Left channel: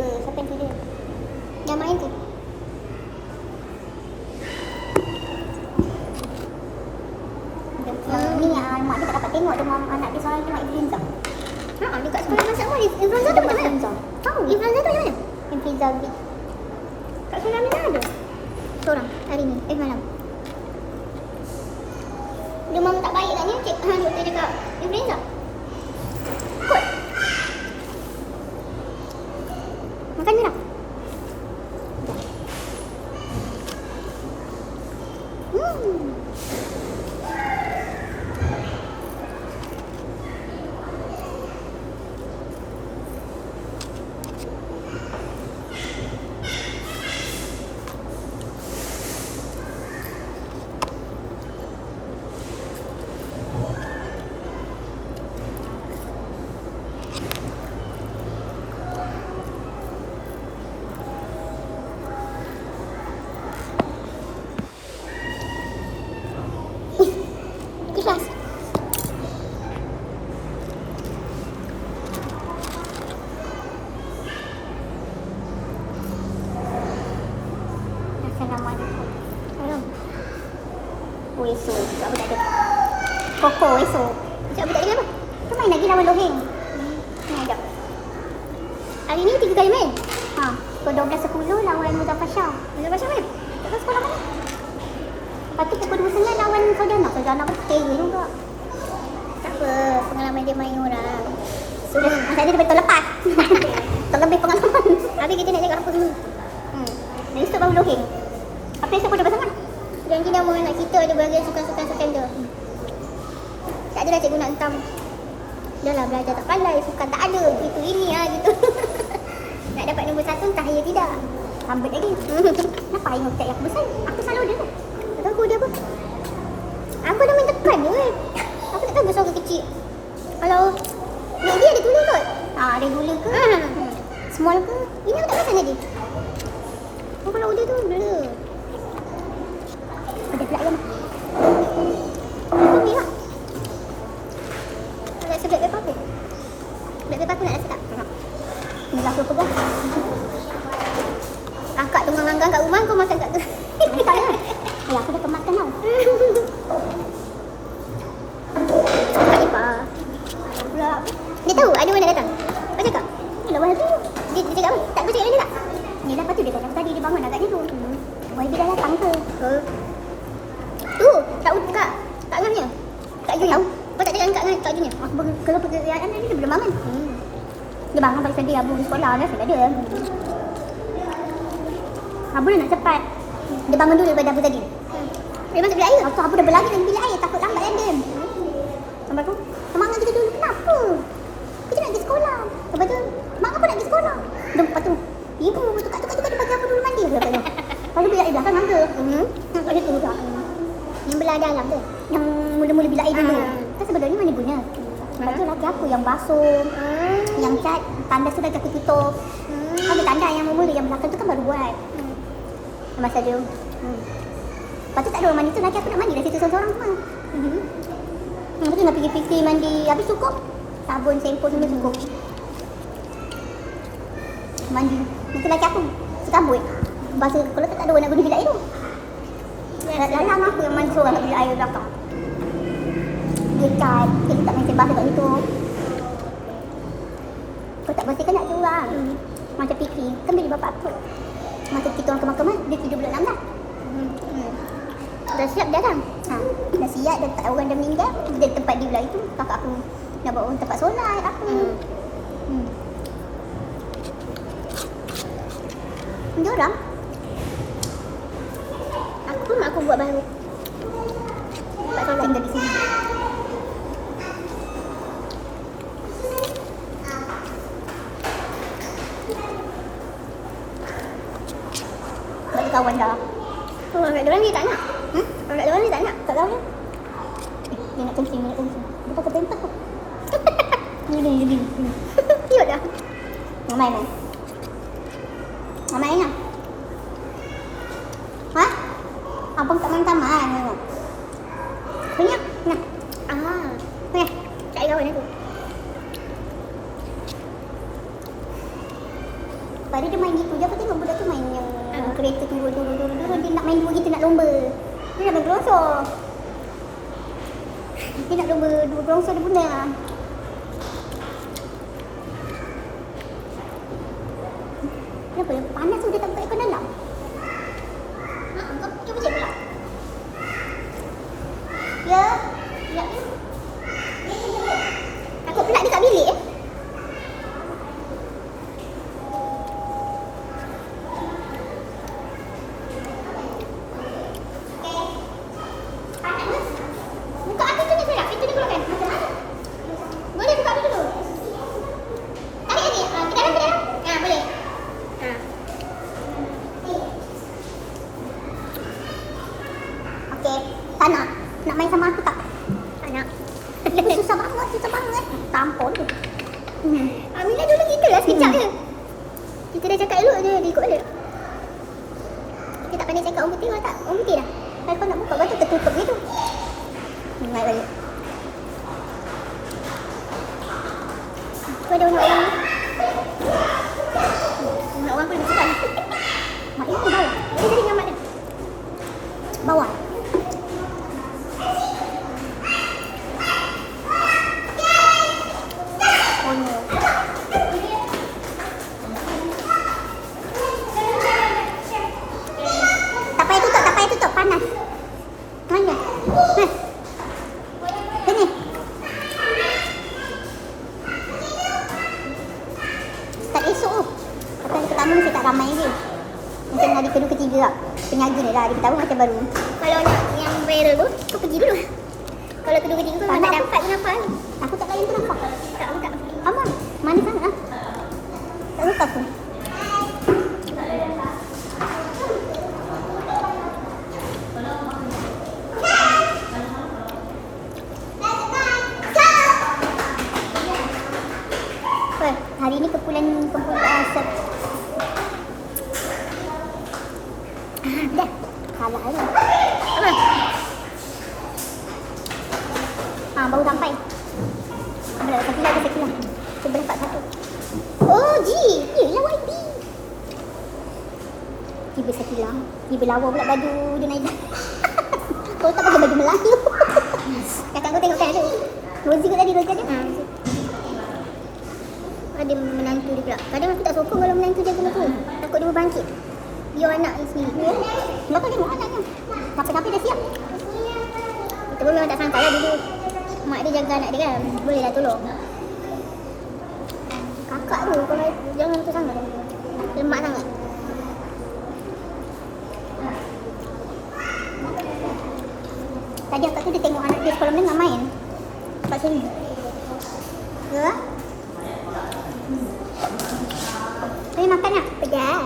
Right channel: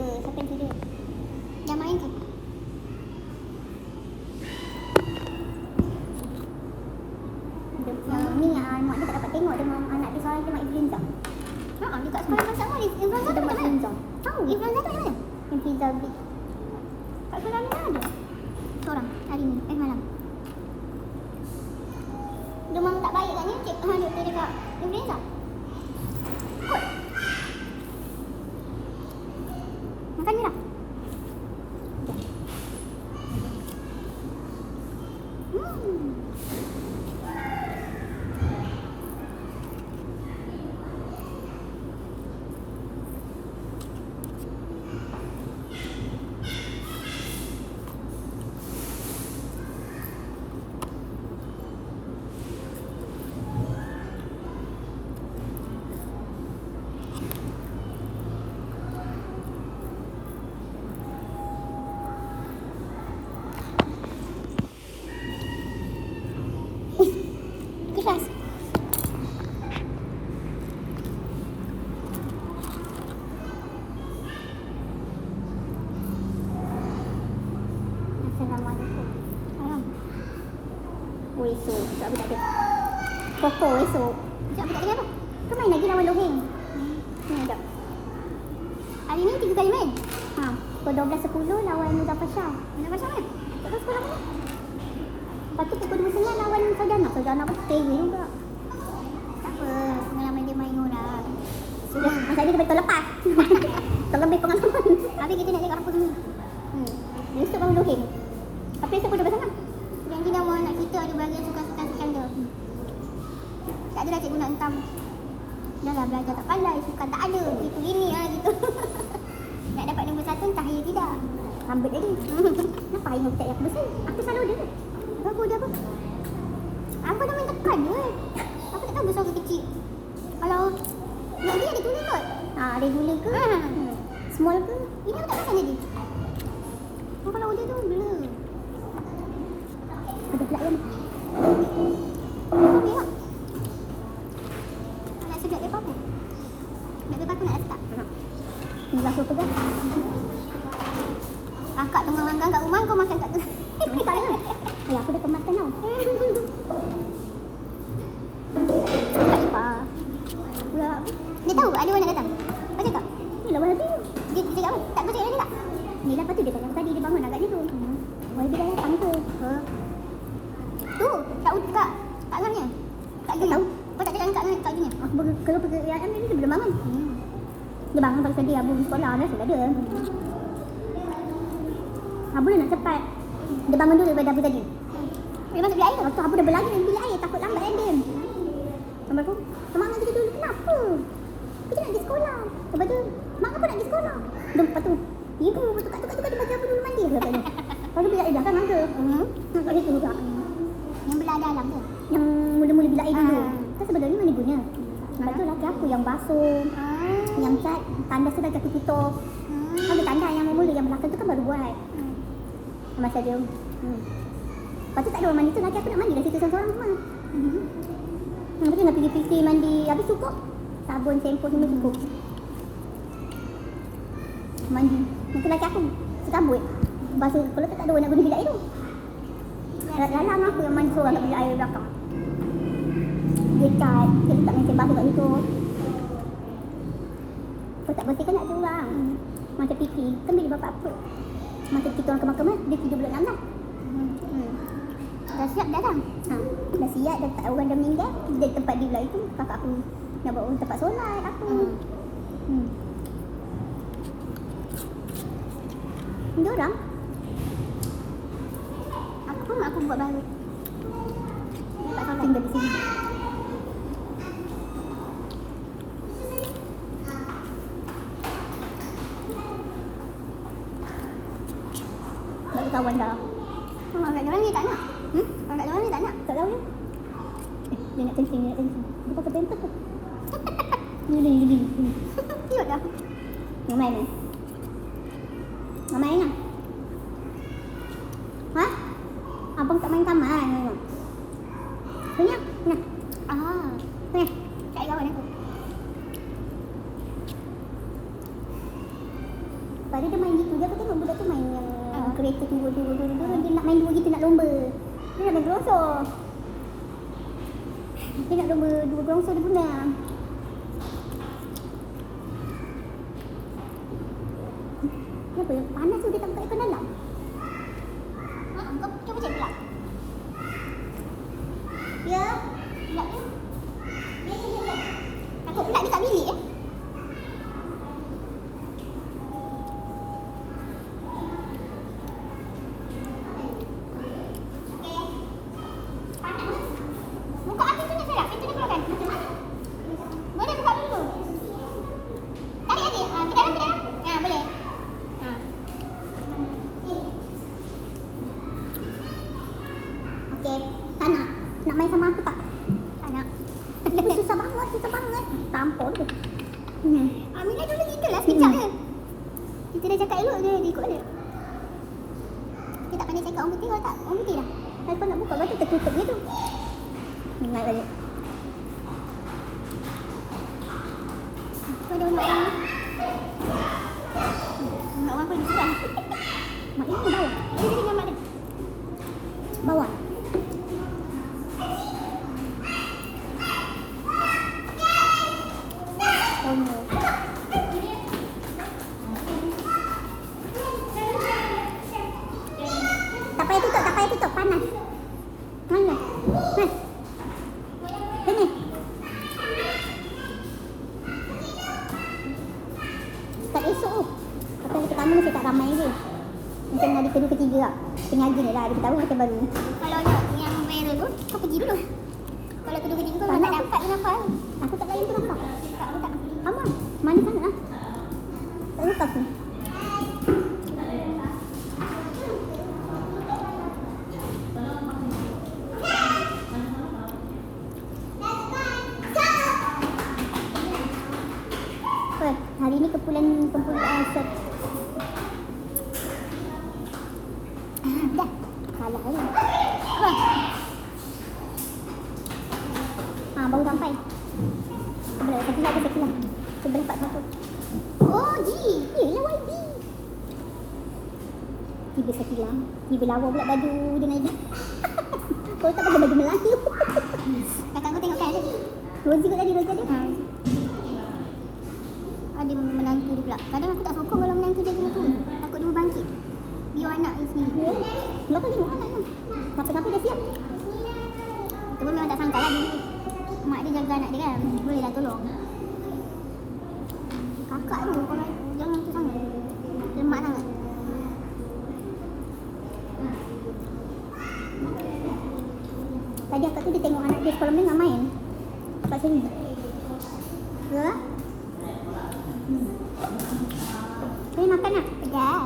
dua. Siapa yang pilih? Yang main tu. Ni mak dia tak dapat tengok demam anak dia seorang kena influenza. Dia kat sekolah masak semua influenza tu macam mana? Tahu influenza tu macam mana? Influenza B. Kat sekolah Amina ada seorang hari ni, malam. Demam tak baik katnya, doktor cakap influenza. Kot. Makan ni dah. Keras. Rasa nama dia. Haram. Esok. Tak apa tak ada. Koko esok. Sekejap apa tak ada apa? Tu main lagi lawan Loheng. Ni ajak. Hari ni 3 kali main. Pukul 12.10 lawan Muzaffar Shah. Muzaffar Shah mana? Tak tahu sekolah mana. Lepas tu pukul 2.09 lawan Saudana. Saudana pun tinggi juga. Tak apa, pengalaman dia main orang. Semua masalah dia betul lepas. Tak lebih pengalaman. Habis kita nak cakap apa semua. Dan esok baru Loheng. Apa esok pun dah bersama. Janji nama anak kita ada bahagian sukan-sukan dia. Tak adalah cikgu nak hentam. Dah lah belajar tak pandai, sukan tak ada. Gitu ini gitu. Nak dapat nombor 1 entah ya tidak. Rambut lagi. Kenapa Aimah tak aku besar? Aku selalu dia. Tak tahu aku dia apa. Apa dah main tekan je Aku tak tahu besar ke kecil. Kalau nak dia ada tulis kot. Ada gula ke? Small ke? Ini aku tak rasa lagi. Kalau dia tu blur. Ada pula kan? Itu merah. Nak rasa black pepper aku? Black pepper aku nak rasa tak? Ni lah aku pegang. Akak tengah langgang kat rumah, kau makan kat tu. Aku dah kemakan tau. Kak Ipah. Dia tahu ada mana datang? Kau cakap? Lawan tu. Dia cakap apa? Tak kau cakap dengan dia tak? Ni lepas tu dia tanya tadi dia bangun agaknya tu. Wah dia dah datang ke? Tu, tak Kak Ngahnya. Kak Junya. Kau tak cakap dengan Kak Junya? Kalau pekerjaan ni dia belum bangun. Dia bangun pasal dia abu di sekolah. Nasib ada. Abu nak cepat. Dia bangun dulu daripada Abu tadi. Dia masuk bilik air. Lepas tu Abu dah berlari dalam bilik air. Takut lambat kan dia. Lepas tu, semangat kita dulu. Kenapa? Kita nak pergi sekolah. Lepas tu, mak apa nak pergi sekolah? Lepas tu, ibu tukar-tukar dia bagi aku dulu mandi. Lepas tu bilik air belakang ada. Lepas tu juga. Yang belah dalam tu. Yang mula-mula bilik air dulu. Kan sebenarnya mana guna? Lepas tu laki aku yang basuh. Yang cat, tanda sudah aku tutup. Ada tanda yang mula yang belakang tu kan baru buat. Masa dia. Lepas tu tak ada orang mandi tu, laki aku nak mandi dah situ seorang-seorang semua. Lepas tu nak pergi PC mandi, habis cukup. Sabun, shampoo semua cukup. Mandi. Lepas tu laki aku sekambut. Basuh kalau tak ada orang nak guna bilik air tu. Dalam aku yang mandi seorang kat bilik air belakang. Dia cat, kita tak main sembah kat situ. Kau tak bersihkan nak curang. Macam Fikri, kan bilik bapak aku. Masa kita orang ke mahkamah, dia tidur bulan 6 dah. Dah siap dah kan? Dah siap, dah tak orang dah meninggal. Dia tempat dia pula itu, kakak aku nak bawa tempat solat aku. Dia orang. Aku pun mak aku buat baru. Tempat solat tinggal di sini. Kawan dah. Kalau kat dia orang dia tak nak. Kalau kat dia orang dia tak nak. Tak tahu dia. Dia nak kencing, dia nak kencing. Dia pakai pentak tu. Gini. Cute dah. Mamai main. Mamai nak. Abang tak main taman. Banyak. Nah. Ni. Cari kawan aku. Hari dia main gitu je. Aku tengok budak tu main yang kereta turun. Dia nak main begitu, nak lomba. Dia nak main gelongsor. Dia nak lomba dua gelongsor dia benda. Kenapa? Panas tu dia tak buka aircon dalam. Kau cuba cek pula. Ya. Ya. Takut pula dia kat bilik Buka api tu ni saya. Pintu dia keluarkan. Boleh buka api dulu. Tarik lagi. Ke dalam. Boleh. Okey. Tak nak. Nak main sama aku tak? Tak nak. Susah banget. Tampol tu. Aminah dulu kita lah sekejap je. Kita dah cakap elok je, dia ikut balik. Kita tak pandai cakap orang putih kalau tak. Orang putih dah. Kalau kau nak buka, lepas tu tertutup je tu. Mai balik. Tu ada orang-orang ni. Orang-orang pun lebih sedap. Mak dia tu bau. Dia jadi dengan mak dia. Bawah. Oh no. Tak payah tutup. Panas. Mana? Sini. Start esok tu. Hari pertama saya tak ramai lagi. Macam hari kedua ketiga lah. Penyaji ni lah. Hari pertama macam baru. Kalau nak yang viral tu, kau pergi dulu. Kalau kedua ketiga tu tak dapat kenapa? Aku tak layan tu nampak. Tak. Aman. Mana sangat lah. Tak lepas pun. Hari ni kumpulan asap. Dah. Salah je. Apa? Baru sampai. Satu lagi. Cuba lepas satu. Oh, yelah YB. Tiba sekilang. Tiba lawa pula baju dia naik. Kau tak pakai baju Melayu. Kakak kau tengok kan tu. Rozi kot tadi, Rozi ada. Ada menantu dia pula. Kadang aku tak sokong kalau menantu jaga aku. Takut dia berbangkit. Biar anak ni sendiri. Belakang tengok anaknya. Sampai dah siap. Itu pun memang tak sangka lah dulu. Mak dia jaga anak dia kan. Boleh lah tolong. Kakak tu kalau jangan tu sangat. Lemak sangat. Tadi akak tu dia tengok anak dia sekolah menengah main. Kat sini. Ya? Boleh makan tak? Pedas.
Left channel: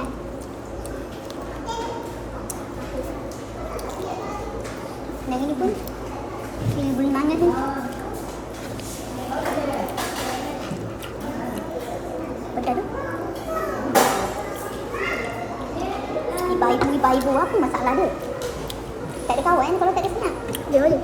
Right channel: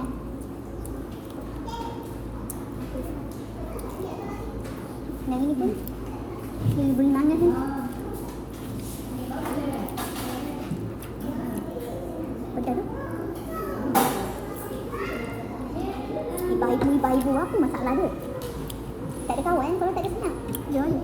Lagi ni pun ini boleh nanas ni. Pedas tu. Ibu apa masalah dia? Tak ada kawan kalau tak ada senang. Dia boleh.